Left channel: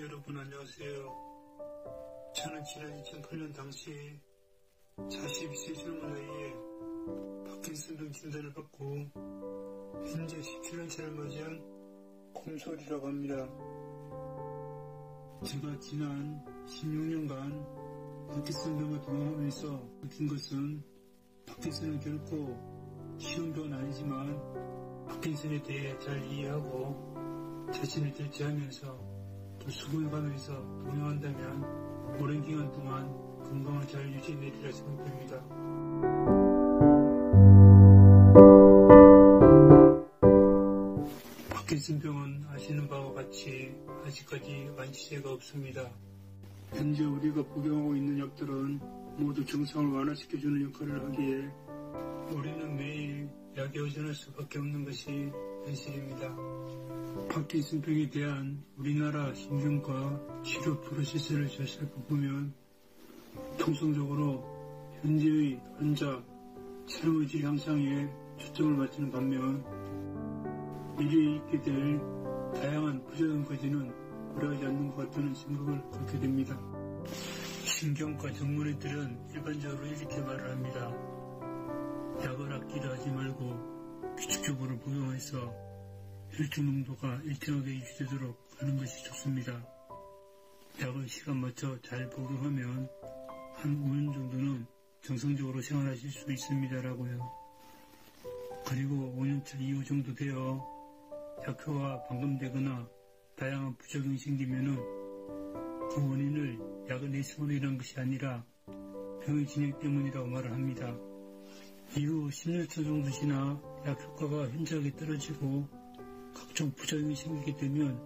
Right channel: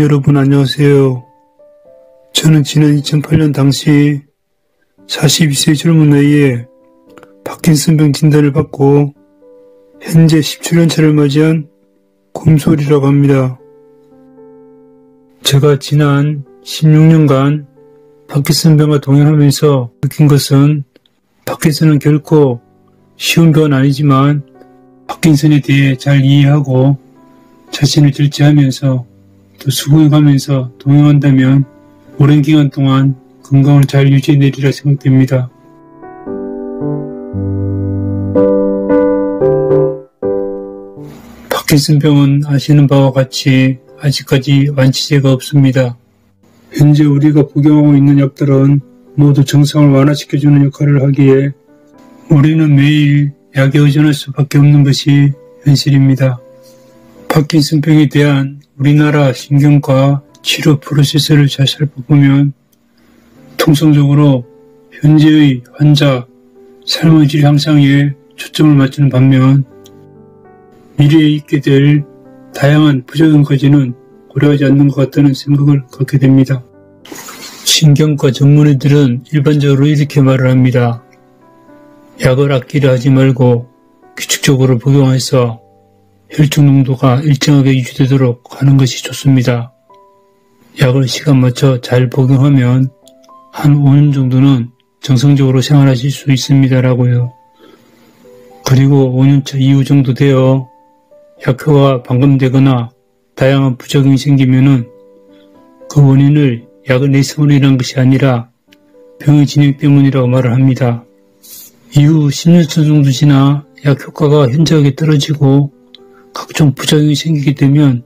여러분 안녕하세요. 저는 지난 2008년 당시 42세 젊은 나이에 파킨슨병 진단을 받고 현재 17년차를 맞이한 곰솔이라고 합니다. 제가 지난 16년간 파킨슨병과 동행하면서 느낀 것은 파킨슨은 결코 쉬운 병은 아니지만 파킨슨에 대해 잘 이해하고 자신을 절제하면서 또 수긍해가면서 동행한다면 오랜 기간 동안 건강을 잘 유지해내리라 생각됩니다. 파킨슨병은 아시는 바와 같이 아직까지 완치제가 없습니다. 현재 우리가 복용하고 있는 약들은 모두 증상을 완화시켜주는 역할을 하기에 우리는 매일 약에 의존할 수밖에 없는 것이 현실입니다. 파킨슨병에 대한 우리나라 신경과 치료 프로세스를 잘 살펴보면 통상적으로 현재의 환자 삶의 질 향상에 초점을 맞추는 반면 미래에 있게 될 다양한 부작용까지는 고려하지 않는 것 같다는 생각을 갖게 됩니다. 신경과 전문의들은 일반적으로 이렇게 말을 합니다. 약을 아끼려 하지 말고 규칙적으로 복용해서 혈중 농도가 일정하게 유지되도록 하는 것이 좋습니다. 약을 시간 맞춰 잘 복용하면 한 5년 정도는 정상적으로 생활하실 수 있습니다라고요. 그리고 5년차 이후 정도 되어 약효가 반감되거나 다양한 부작용이 생기면은 그 원인을 약을 내성으로 인한 것이 아니라 병의 진행 때문이라고 말을 합니다. 이후 10년차 정도 지나 약 효과가 현저하게 떨어지고 각종 부작용이 생기게 되면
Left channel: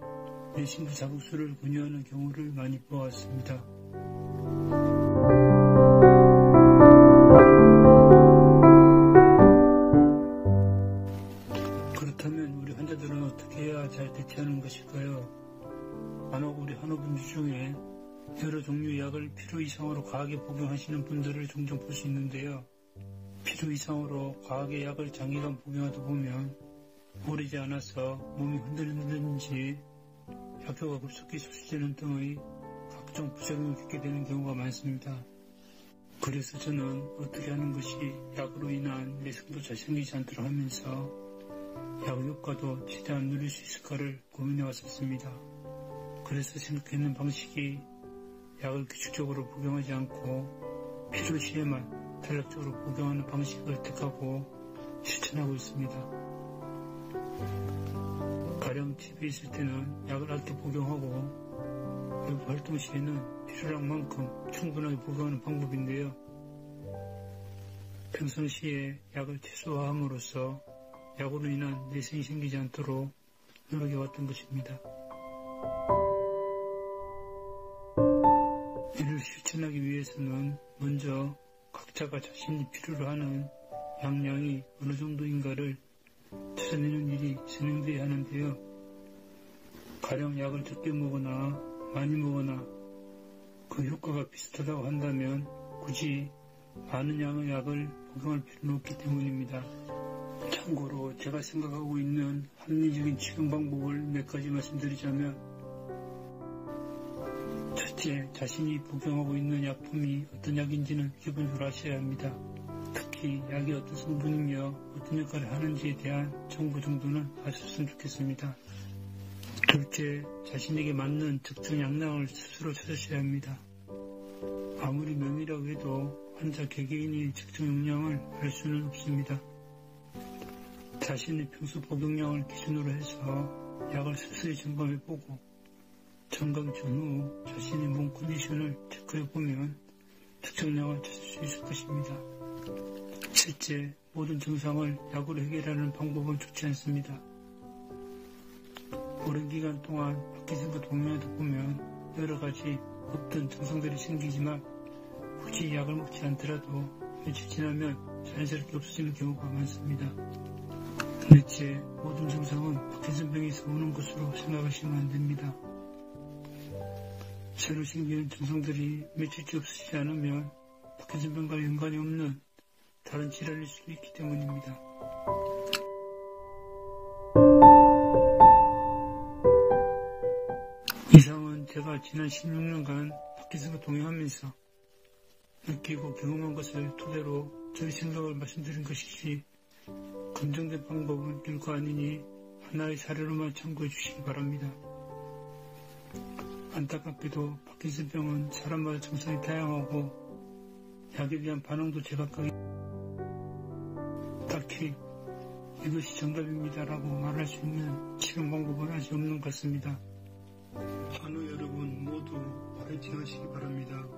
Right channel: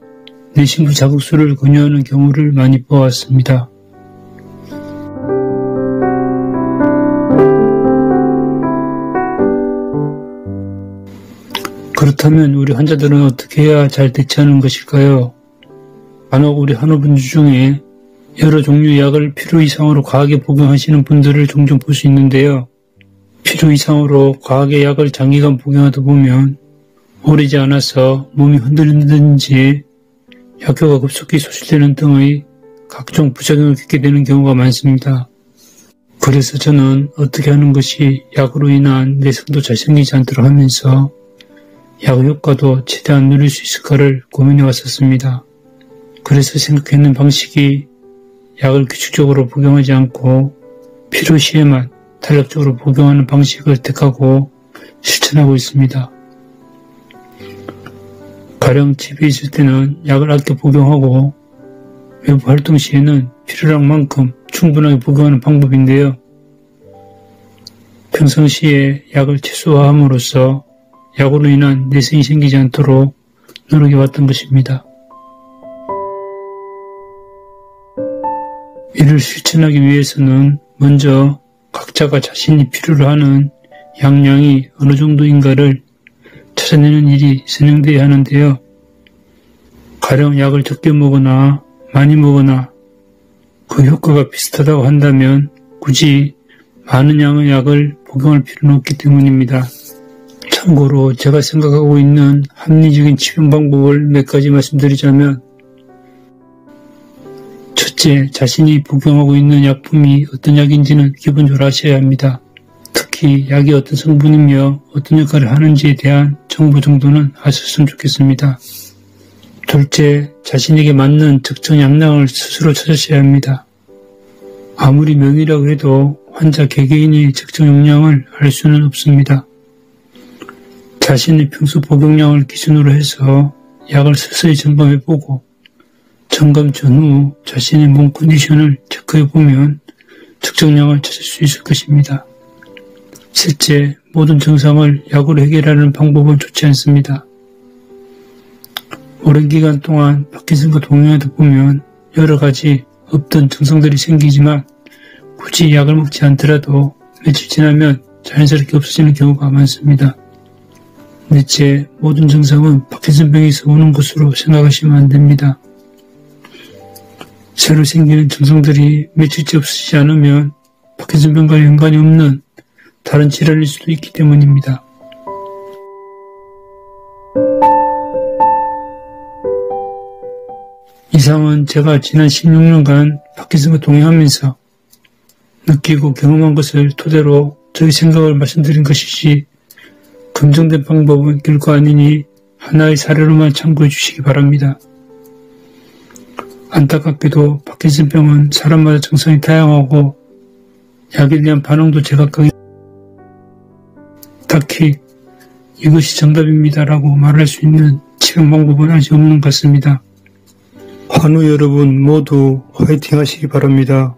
내심부 자극술을 권유하는 경우를 많이 보았습니다. 그렇다면 우리 환자들은 어떻게 해야 잘 대처하는 것일까요? 간혹 우리 한의분들 중에 여러 종류의 약을 필요 이상으로 과하게 복용하시는 분들을 종종 볼 수 있는데요. 필요 이상으로 과하게 약을 장기간 복용하다 보면 오래지 않아서 몸이 흔들린다든지 약효가 급속히 소실되는 등의 각종 부작용을 겪게 되는 경우가 많습니다. 그래서 저는 어떻게 하는 것이 약으로 인한 내성도 잘 생기지 않도록 하면서 약 효과도 최대한 누릴 수 있을까를 고민해 왔었습니다. 그래서 생각했는 방식이 약을 규칙적으로 복용하지 않고 필요시에만 탄력적으로 복용하는 방식을 택하고 실천하고 있습니다. 가령 집에 있을 때는 약을 아껴 복용하고 외부 활동 시에는 필요한 만큼 충분하게 복용하는 방법인데요. 평상시에 약을 최소화함으로써 약으로 인한 내성이 생기지 않도록 노력해 왔던 것입니다. 이를 실천하기 위해서는 먼저 각자가 자신이 필요로 하는 약량이 어느 정도인가를 찾아내는 일이 진행되어야 하는데요. 가령 약을 적게 먹거나 많이 먹거나 그 효과가 비슷하다고 한다면 굳이 많은 양의 약을 복용할 필요는 없기 때문입니다. 참고로 제가 생각하고 있는 합리적인 치료 방법을 몇 가지 말씀드리자면 첫째, 자신이 복용하고 있는 약품이 어떤 약인지는 기본적으로 아셔야 합니다. 특히 약이 어떤 성분이며 어떤 역할을 하는지에 대한 정보 정도는 아셨으면 좋겠습니다. 둘째, 자신에게 맞는 적정 약량을 스스로 찾으셔야 합니다. 아무리 명의라고 해도 환자 개개인의 적정 용량을 알 수는 없습니다. 자신의 평소 복용량을 기준으로 해서 약을 서서히 점검해보고 점검 전후 자신의 몸 컨디션을 체크해보면 적정량을 찾을 수 있을 것입니다. 셋째, 모든 증상을 약으로 해결하는 방법은 좋지 않습니다. 오랜 기간 동안 파킨슨과 동행하다 보면 여러 가지 없던 증상들이 생기지만 굳이 약을 먹지 않더라도 며칠 지나면 자연스럽게 없어지는 경우가 많습니다. 넷째, 모든 증상은 파킨슨병에서 오는 것으로 생각하시면 안 됩니다. 새로 생기는 증상들이 며칠째 없어지지 않으면 파킨슨병과 연관이 없는 다른 질환일 수도 있기 때문입니다. 이상은 제가 지난 16년간 파킨슨과 동행하면서 느끼고 경험한 것을 토대로 저희 생각을 말씀드린 것이지 검증된 방법은 결코 아니니 하나의 사례로만 참고해 주시기 바랍니다. 안타깝게도 파킨슨병은 사람마다 증상이 다양하고 약에 대한 반응도 제각각이 딱히 이것이 정답입니다라고 말할 수 있는 치료 방법은 아직 없는 것 같습니다. 환우 여러분 모두 화이팅 하시기 바랍니다.